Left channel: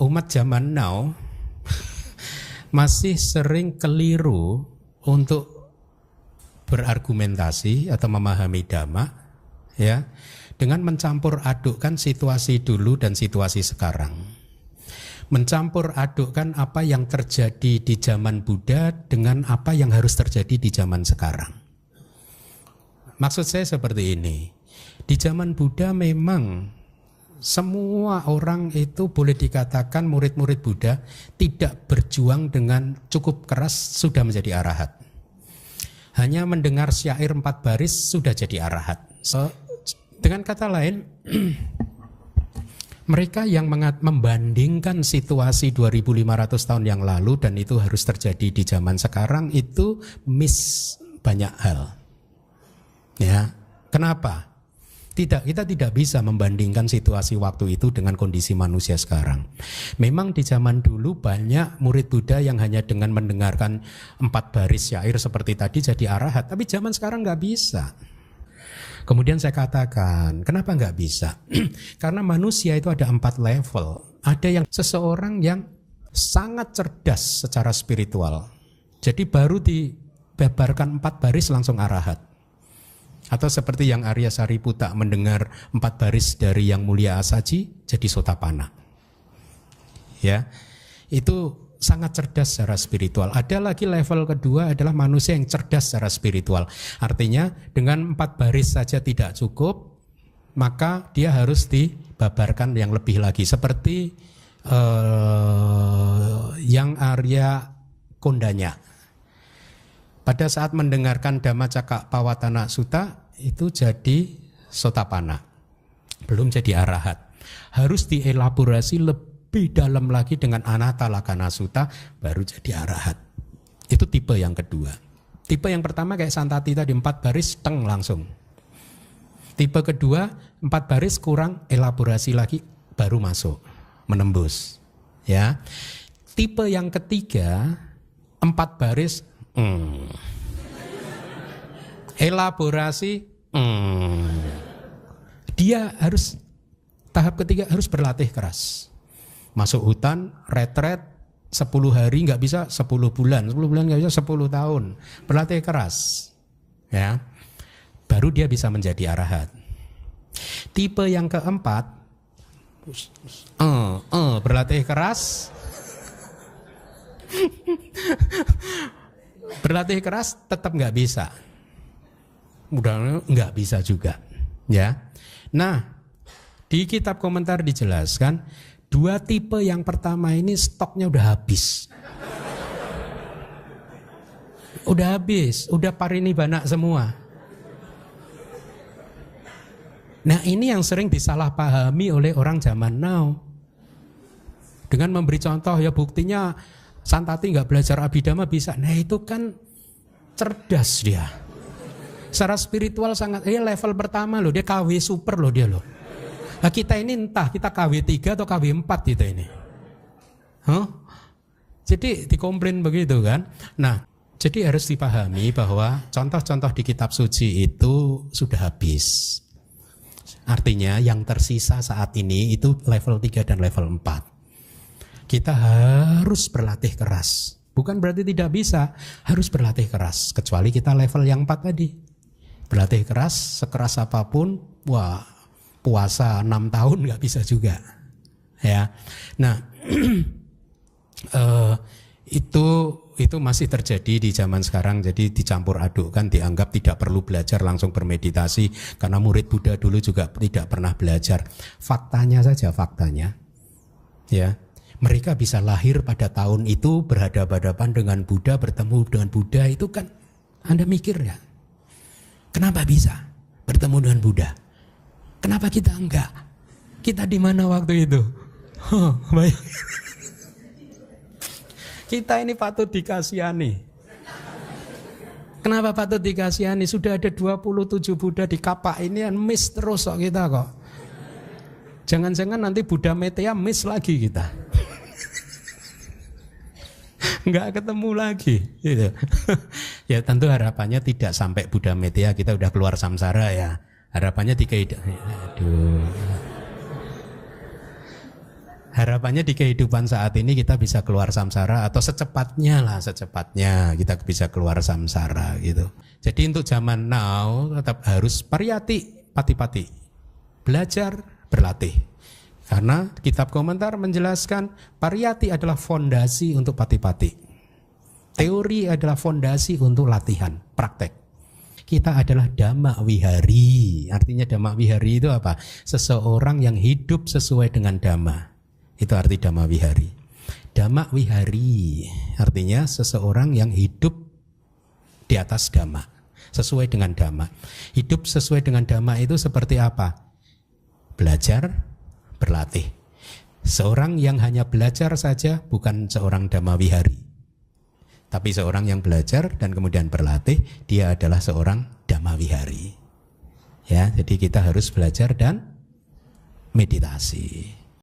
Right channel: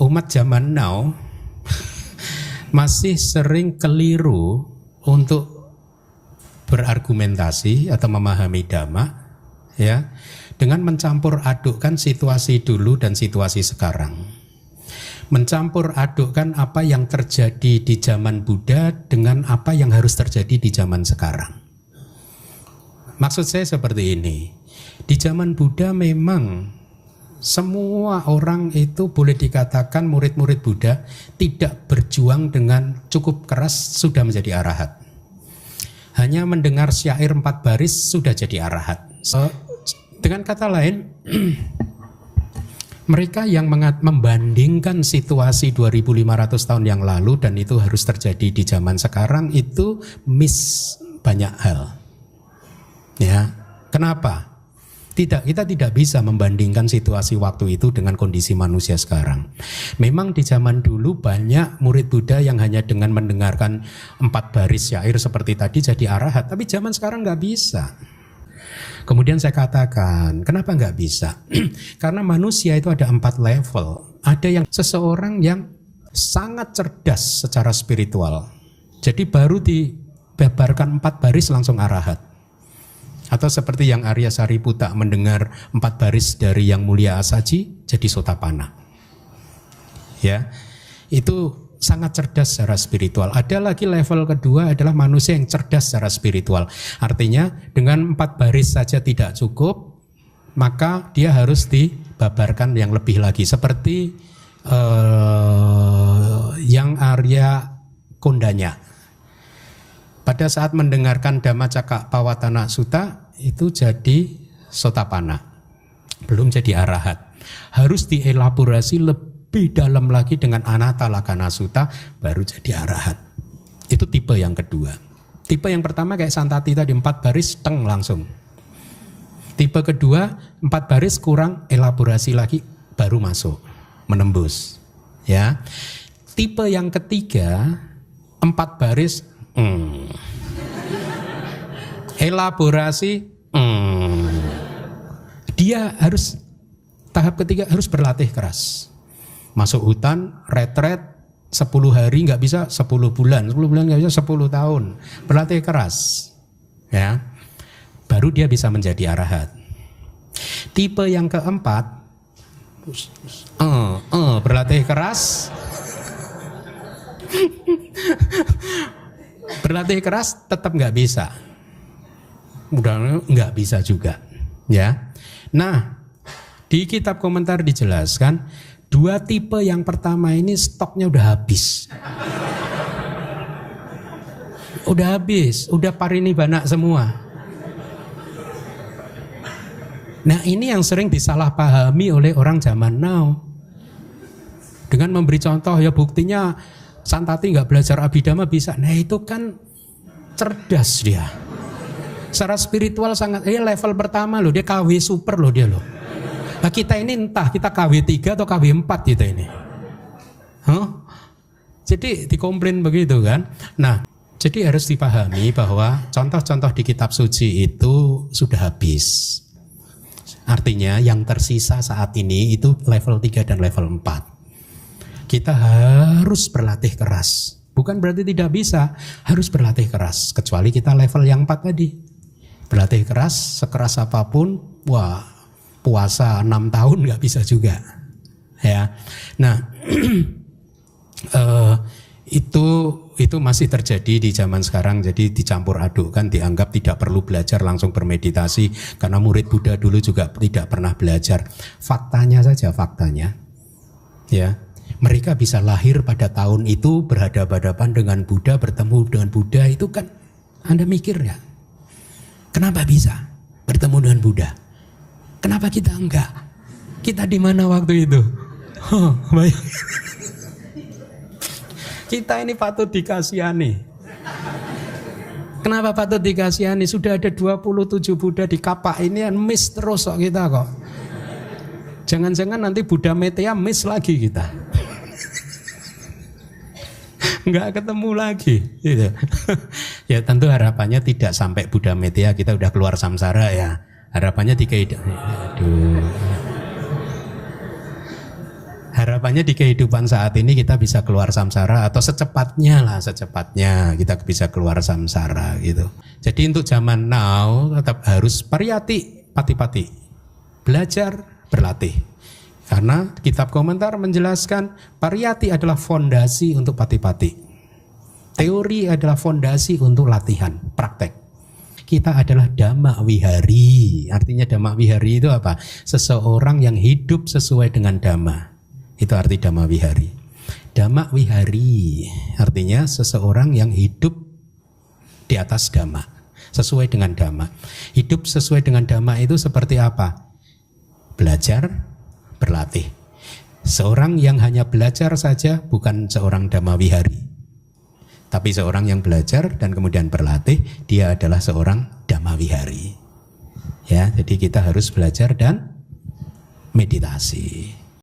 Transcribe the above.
umat zaman now masih sering keliru untuk berargumentasi atau memahami dhamma, ya, dengan mencampur adukkan situasi dulu dan situasi sekarang. Mencampur adukkan apa yang terjadi di zaman Buddha dengan apa yang harus terjadi di zaman sekarang. Maksud saya seperti ini. Di zaman Buddha memang semua orang itu boleh dikatakan murid-murid Buddha tidak berjuang dengan cukup keras sudah menjadi arahat. Hanya mendengar syair 4 baris sudah jadi arahat. Dengan kata lain, mereka yang membandingkan situasi 2500 tahun yang lalu dan itu harus terjadi di zaman sekarang itu miss banyak hal. Ya, kenapa? Kita tidak bisa membandingkan situasi waktu itu dengan kondisi manusia sekarang. Memang di zaman dulu banyak murid Buddha yang hanya dengan mendengarkan 4 baris syair seperti tadi jadi arahat, tapi zaman sekarang nggak bisa. Kemudian saya katakan, kenapa nggak bisa? Karena manusia itu ada 4 level. Ada yang seseorang yang sangat cerdas secara spiritual. Jadi baru dibebarkan 4 baris langsung arahat. Atau seperti yang Arya Sariputta mendengar 4 baris dari Yang Mulia Asaji jadi Sotapanna. Ya, itu sangat cerdas secara spiritual. Ada lagi level kedua adalah manusia yang cerdas secara spiritual. Artinya dengan 4 baris saja tidak cukup, maka dia harus dibabarkan yang lebih lagi. Seperti yang Arya Kondanya. Pada saat mendengarkan Dhammacakkappavattana Sutta itu jadi Sotapanna. Belum jadi arahat. Harus dielaborasi lebih dalam lagi dengan Anatalakkhana Sutta baru jadi arahat. Itu tipe yang kedua. Tipe yang pertama kayak Santati tadi 4 baris teng langsung. Tipe kedua 4 baris kurang elaborasi lagi baru masuk menembus. Ya. Tipe yang ketiga 4 baris elaborasi dia harus tahap ketiga harus berlatih keras. Masuk hutan, retret 10 hari nggak bisa 10 bulan nggak bisa 10 tahun. Berlatih keras. Ya. Baru dia bisa menjadi arahat. Tipe yang keempat berlatih keras. Berlatih keras tetap nggak bisa. Udah nggak bisa juga. Ya. Nah, di kitab komentar dijelaskan 2 tipe yang pertama ini stoknya udah habis. Udah habis, udah parinibbana semua. Nah, ini yang sering disalahpahami oleh orang zaman now. Dengan memberi contoh, ya buktinya Santati nggak belajar Abhidhamma bisa. Nah itu kan cerdas dia. Secara spiritual sangat, level pertama loh, dia KW super loh dia loh. Nah kita ini entah kita KW 3 atau KW 4 kita ini. Jadi dikomplain begitu kan. Nah jadi harus dipahami bahwa contoh-contoh di kitab suci itu sudah habis. Artinya yang tersisa saat ini itu level 3 dan level 4. Kita harus berlatih keras. Bukan berarti tidak bisa, harus berlatih keras. Kecuali kita level yang 4 tadi. Berlatih keras, sekeras apapun, wah puasa 6 tahun gak bisa juga. Ya, nah itu masih terjadi di zaman sekarang. Jadi dicampur adukkan, dianggap tidak perlu belajar langsung bermeditasi. Karena murid Buddha dulu juga tidak pernah belajar. Faktanya saja, faktanya. Ya. Mereka bisa lahir pada tahun itu berhadapan-hadapan dengan Buddha, bertemu dengan Buddha, itu kan Anda mikir ya. Kenapa bisa bertemu dengan Buddha? Kenapa kita enggak? Kita di mana waktu itu? Baik. Kita ini patut dikasihani. Kenapa patut dikasihani? Sudah ada 27 Buddha di kapak ini, miss terus kok kita kok. Jangan-jangan nanti Buddha Meteya miss lagi kita. Nggak ketemu lagi gitu. Ya tentu harapannya tidak sampai Buddha Meteya kita udah keluar samsara ya. Harapannya aduh. Harapannya di kehidupan saat ini kita bisa keluar samsara atau secepatnya kita bisa keluar samsara gitu. Jadi untuk zaman now tetap harus pariyati pati-pati. Belajar, berlatih. Karena kitab komentar menjelaskan pariyati adalah fondasi untuk pati-pati. Teori adalah fondasi untuk latihan, praktek. Kita adalah dhamma wihari. Artinya dhamma wihari itu apa? Seseorang yang hidup sesuai dengan dhamma. Itu arti dhamma wihari. Dhamma wihari artinya seseorang yang hidup di atas dhamma, sesuai dengan dhamma. Hidup sesuai dengan dhamma itu seperti apa? Belajar, berlatih. Seorang yang hanya belajar saja bukan seorang dhamma wihari. Tapi seorang yang belajar dan kemudian berlatih, dia adalah seorang dhamma wihari. Ya, jadi kita harus belajar dan meditasi.